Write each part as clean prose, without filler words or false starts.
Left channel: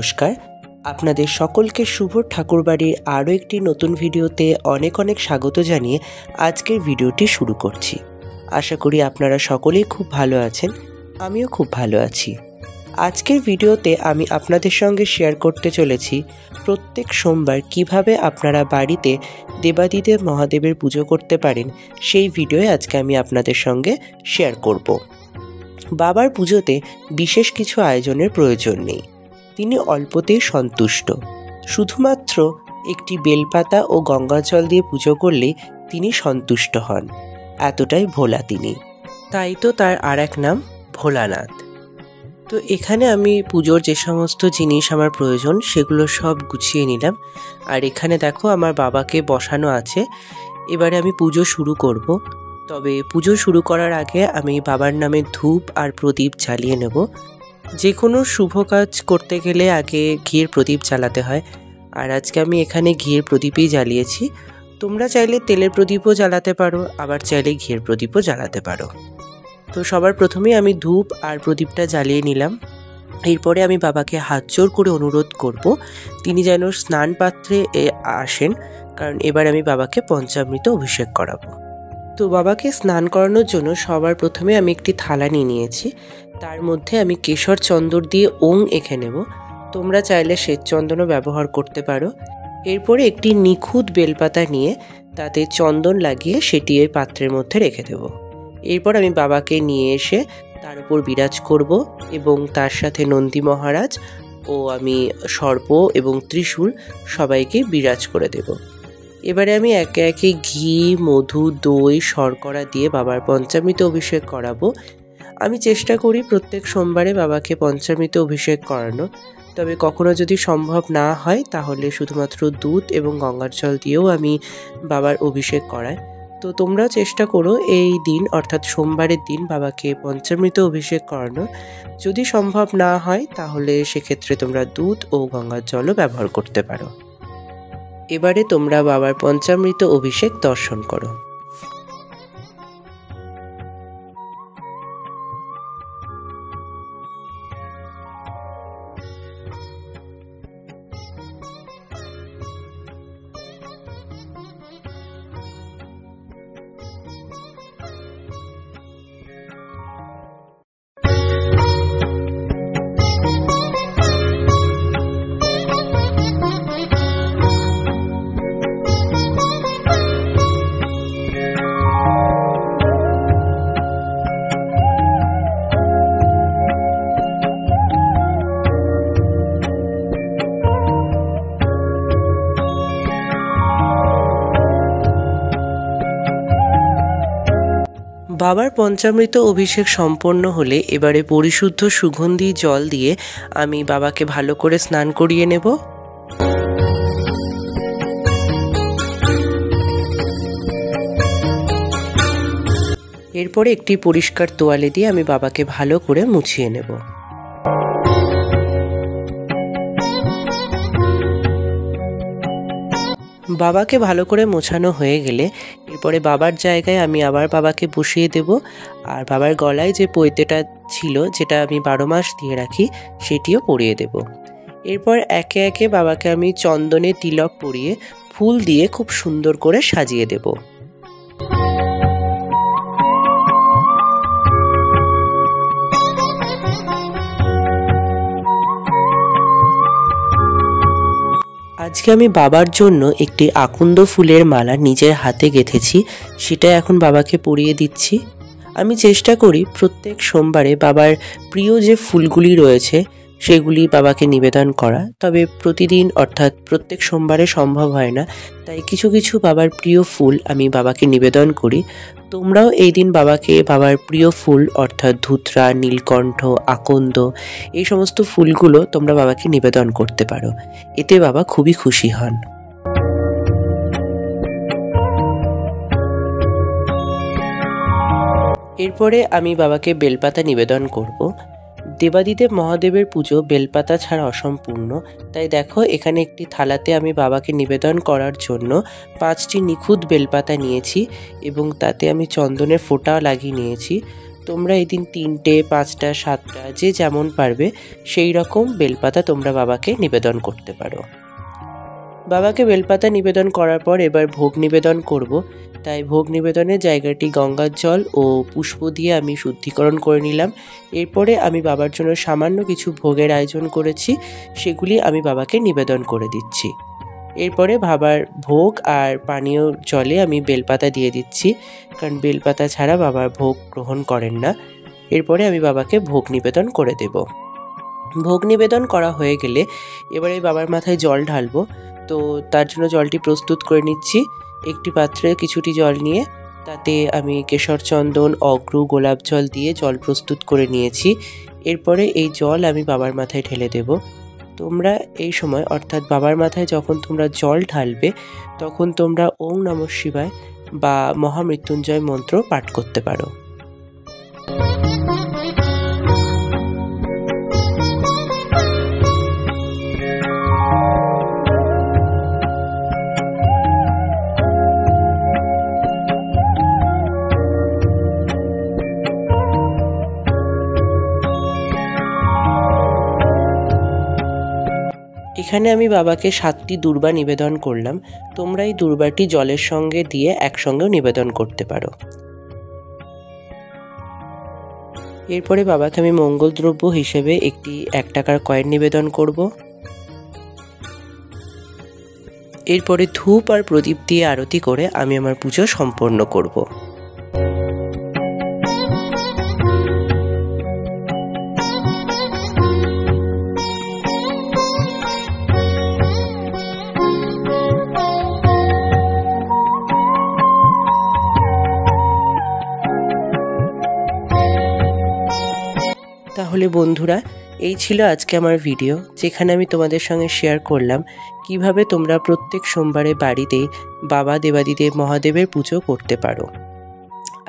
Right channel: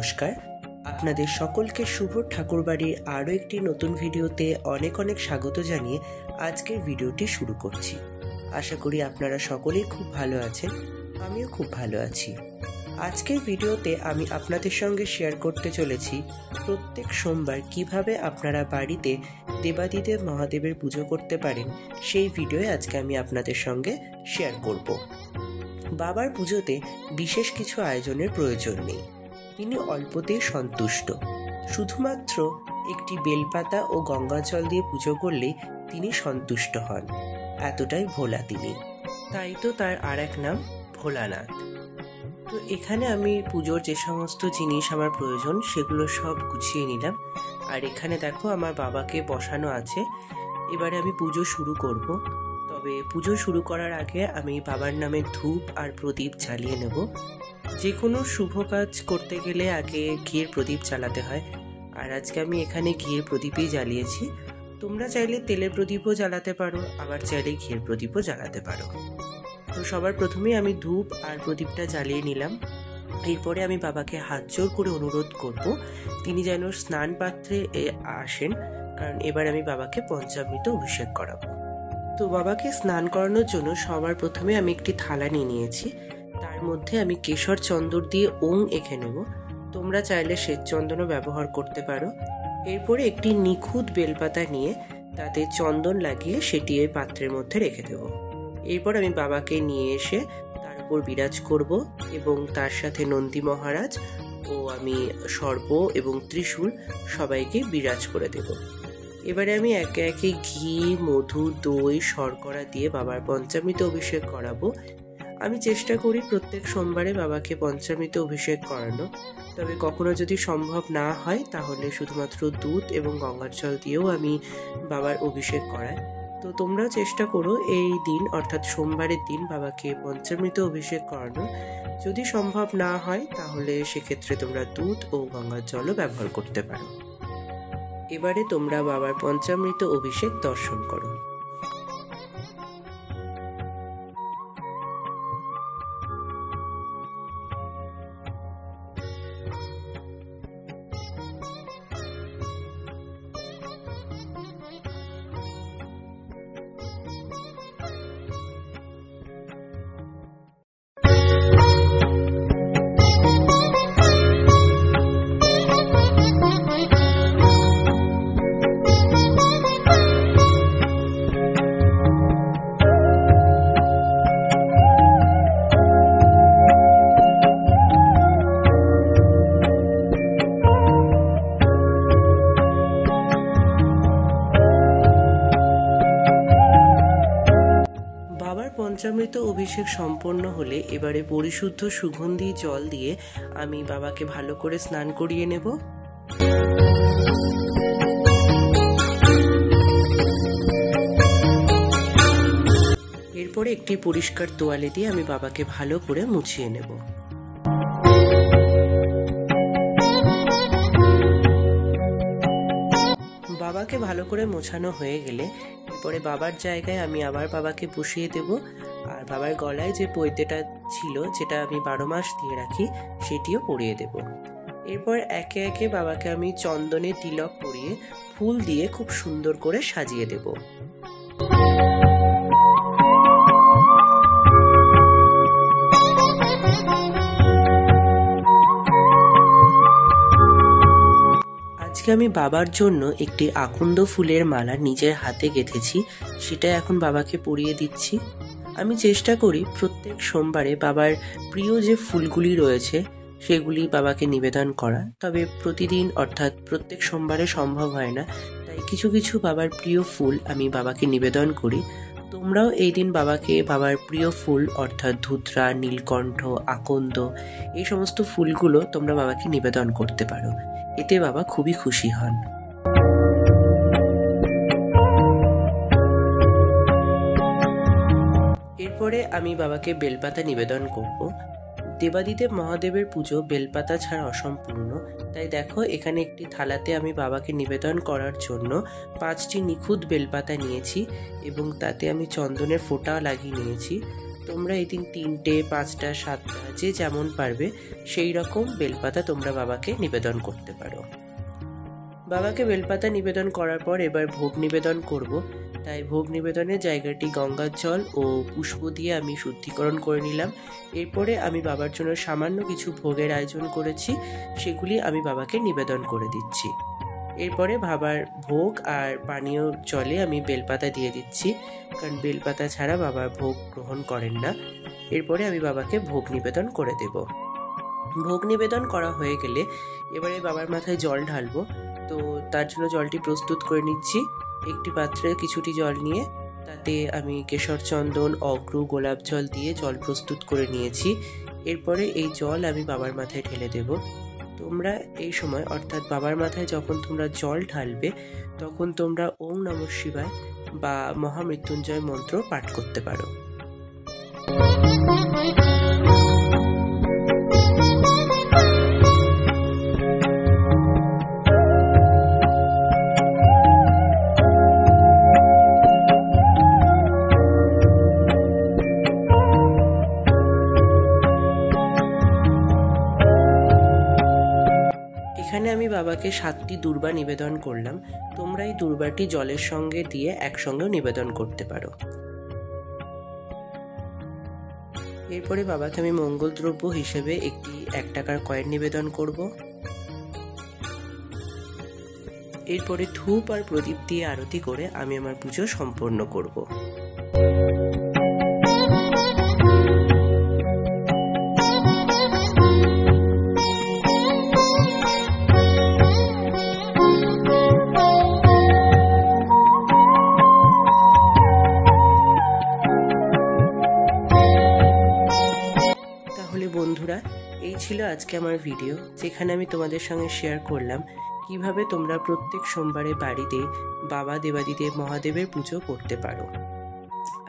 নমস্কার, আপনাদের সকলকে শুভ ঠাকুরবাড়ির আরও একটি নতুন ভিডিওতে অনেক অনেক স্বাগত জানিয়ে আজকের ভিডিওটি শুরু করছি। আশা করি আপনারা সকলেই খুব ভালো আছেন, আমিও খুব ভালো আছি। আজকের ভিডিওতে আমি আপনাদের সঙ্গে শেয়ার করতে চলেছি প্রত্যেক সোমবার কিভাবে আপনারা বাড়িতে দেবাদিদেব মহাদেবের পুজো করতে পারেন, সেই ভিডিওয়ে আজকে আমি আপনাদের সঙ্গে শেয়ার করব। বাবার পুজোতে বিশেষ কিছু আয়োজনের প্রয়োজন নেই, তিনি অল্পতেই সন্তুষ্ট। শুধুমাত্র একটি বেলপাতা ও গঙ্গা জল দিয়ে পুজো করলেই তিনি সন্তুষ্ট হন, এতটাই ভোলা তিনি। তাই তো তার আর এক নাম ভোলানাথ। তো এখানে আমি পুজোর যে সমস্ত জিনিস আমার প্রয়োজন সেগুলো সব গুছিয়ে নিলাম। আর এখানে দেখো আমার বাবাকে বসানো আছে। এবারে আমি পুজো শুরু করব। তবে পুজো শুরু করার আগে আমি বাবার নামে ধূপ আর প্রদীপ জ্বালিয়ে নেব। যে কোনো শুভ কাজ করতে গেলে আগে ঘিয়ের প্রদীপ জ্বালাতে হয়, আর আজকে আমি এখানে ঘিয়ের প্রদীপই জ্বালিয়েছি। তোমরা চাইলে তেলের প্রদীপও জ্বালাতে পারো, আবার চাইলে ঘিয়ের প্রদীপও জ্বালাতে পারো। তো সবার প্রথমেই আমি ধূপ আর প্রদীপটা জ্বালিয়ে নিলাম। এরপরে আমি বাবাকে হাত জোর করে অনুরোধ করব তিনি যেন স্নান পাত্রে আসেন, কারণ এবার আমি বাবাকে পঞ্চামৃত অভিষেক করাবো। তো বাবাকে স্নান করানোর জন্য সবার প্রথমে আমি একটি থালা নিয়ে নিয়েছি। তার মধ্যে আমি কেশর চন্দন দিয়ে ওং এঁকে নেব। তোমরা চাইলে শ্বেত চন্দনও ব্যবহার করতে পারো। এরপরে একটি নিখুঁত বেলপাতা নিয়ে তাতে চন্দন লাগিয়ে সেটি এই পাত্রের মধ্যে রেখে দেব। এরপর আমি বাবাকে নিয়ে এসে তার উপর বিরাজ করব এবং তার সাথে নন্দী মহারাজ ও আমি সর্প এবং ত্রিশূল সবাইকে বিরাজ করে দেব। এবারে আমি একে একে ঘি, মধু, দই, শর্করা দিয়ে বাবার পঞ্চামৃত অভিষেক করাবো। আমি চেষ্টা করি প্রত্যেক সোমবারে বাবাকে পঞ্চামৃত অভিষেক করানো, তবে কখনো যদি সম্ভব না হয় তাহলে শুধুমাত্র দুধ এবং গঙ্গার জল দিয়েও আমি বাবার অভিষেক করাই। তো তোমরাও চেষ্টা করো এই দিন অর্থাৎ সোমবারের দিন বাবাকে পঞ্চামৃত অভিষেক করানো। যদি সম্ভব না হয় তাহলে সেক্ষেত্রে তোমরা দুধ ও গঙ্গার জলও ব্যবহার করতে পারো। এবারে তোমরা বাবার পঞ্চামৃত অভিষেক দর্শন করো। বাবার পঞ্চামৃত অভিষেক সম্পন্ন হলে এবারে পরিশুদ্ধ সুগন্ধি জল দিয়ে আমি বাবাকে ভালো করে স্নান করিয়ে নেব। এরপরে একটি পরিষ্কার তোয়ালে দিয়ে আমি বাবাকে ভালো করে মুছিয়ে নেব। বাবাকে ভালো করে মোছানো হয়ে গেলে এরপরে বাবার জায়গায় আমি আবার বাবাকে বসিয়ে দেব। আর বাবার গলায় যে পৈতেটা ছিল, যেটা আমি 12 মাস দিয়ে রাখি, সেটিও পরিয়ে দেব। এরপর একে একে বাবাকে আমি চন্দনে তিলক পরিয়ে ফুল দিয়ে খুব সুন্দর করে সাজিয়ে দেব। আজকে আমি বাবার জন্য একটি আকন্দ ফুলের মালা নিজের হাতে গেঁথেছি, সেটা এখন বাবাকে পরিয়ে দিচ্ছি। আমি চেষ্টা করি প্রত্যেক সোমবারে বাবার প্রিয় যে ফুলগুলি রয়েছে সেগুলি বাবাকে নিবেদন করা, তবে প্রতিদিন অর্থাৎ প্রত্যেক সোমবারে সম্ভব হয় না, তাই কিছু কিছু বাবার প্রিয় ফুল আমি বাবাকে নিবেদন করি। তোমরাও এই দিন বাবাকে বাবার প্রিয় ফুল অর্থাৎ ধুতরা, নীলকণ্ঠ, আকন্দ, এই সমস্ত ফুলগুলো তোমরা বাবাকে নিবেদন করতে পারো, এতে বাবা খুবই খুশি হন। এরপরে আমি বাবাকে বেলপাতা নিবেদন করব। দেবাদিদেব মহাদেবের পুজো বেলপাতা ছাড়া অসম্পূর্ণ, তাই দেখো এখানে একটি থালাতে আমি বাবাকে নিবেদন করার জন্য 5টি নিখুঁত বেলপাতা নিয়েছি এবং তাতে আমি চন্দনের ফোঁটা লাগিয়ে নিয়েছি। তোমরা এই দিন 3টে, 5টা, 7টা যে যেমন পারবে সেই রকম বেলপাতা তোমরা বাবাকে নিবেদন করতে পারো। বাবাকে বেলপাতা নিবেদন করার পর এবার ভোগ নিবেদন করব। তাই ভোগ নিবেদনের জায়গাটি গঙ্গার জল ও পুষ্প দিয়ে আমি শুদ্ধিকরণ করে নিলাম। এরপরে আমি বাবার জন্য সামান্য কিছু ভোগের আয়োজন করেছি, সেগুলি আমি বাবাকে নিবেদন করে দিচ্ছি। এরপরে বাবার ভোগ আর পানীয় জলে আমি বেলপাতা দিয়ে দিচ্ছি, কারণ বেলপাতা ছাড়া বাবার ভোগ গ্রহণ করেন না। এরপরে আমি বাবাকে ভোগ নিবেদন করে দেব। ভোগ নিবেদন করা হয়ে গেলে এবারে বাবার মাথায় জল ঢালবো। তো তার জন্য জলটি প্রস্তুত করে নিচ্ছি। একটি পাত্রে কিছুটি জল নিয়ে তাতে আমি কেশর চন্দন, অগ্রু, গোলাপ জল দিয়ে জল প্রস্তুত করে নিয়েছি। এরপরে এই জল আমি বাবার মাথায় ঢেলে দেব। তোমরা এই সময় অর্থাৎ বাবার মাথায় যখন তোমরা জল ঢালবে তখন তোমরা ওং নমঃ শিবায় বা মহামৃত্যুঞ্জয় মন্ত্র পাঠ করতে পারো। এখানে আমি বাবাকে 7টি দূর্বা নিবেদন করলাম। তোমরা এই দূর্বাটি জলের সঙ্গে দিয়ে একসঙ্গেও নিবেদন করতে পারো। এরপরে বাবাকে আমি মঙ্গল দ্রব্য হিসেবে একটি 1 টাকার কয়েন নিবেদন করব। এরপরে ধূপ আর প্রদীপ দিয়ে আরতি করে আমি আমার পুজো সম্পন্ন করব। তাহলে বন্ধুরা, এই ছিল আজকে আমার ভিডিও, যেখানে আমি তোমাদের সঙ্গে শেয়ার করলাম কিভাবে তোমরা প্রত্যেক সোমবারে বাড়িতে বাবা দেবাদিদেব মহাদেবের পুজো করতে পারো।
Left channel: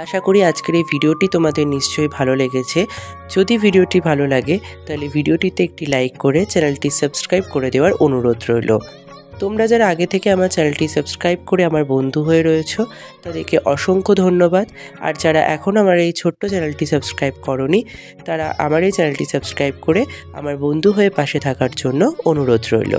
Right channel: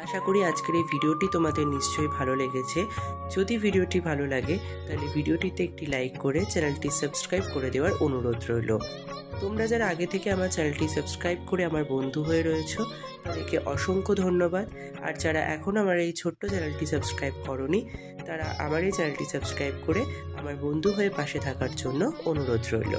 আশা করি আজকের এই ভিডিওটি তোমাদের নিশ্চয়ই ভালো লেগেছে। যদি ভিডিওটি ভালো লাগে তাহলে ভিডিওটিতে একটি লাইক করে চ্যানেলটি সাবস্ক্রাইব করে দেওয়ার অনুরোধ রইল। তোমরা যারা আগে থেকে আমার চ্যানেলটি সাবস্ক্রাইব করে আমার বন্ধু হয়ে রয়েছো তাদেরকে অসংখ্য ধন্যবাদ। আর যারা এখন আমার এই ছোট্ট চ্যানেলটি সাবস্ক্রাইব করোনি তারা আমার এই চ্যানেলটি সাবস্ক্রাইব করে আমার বন্ধু হয়ে পাশে থাকার জন্য অনুরোধ রইল।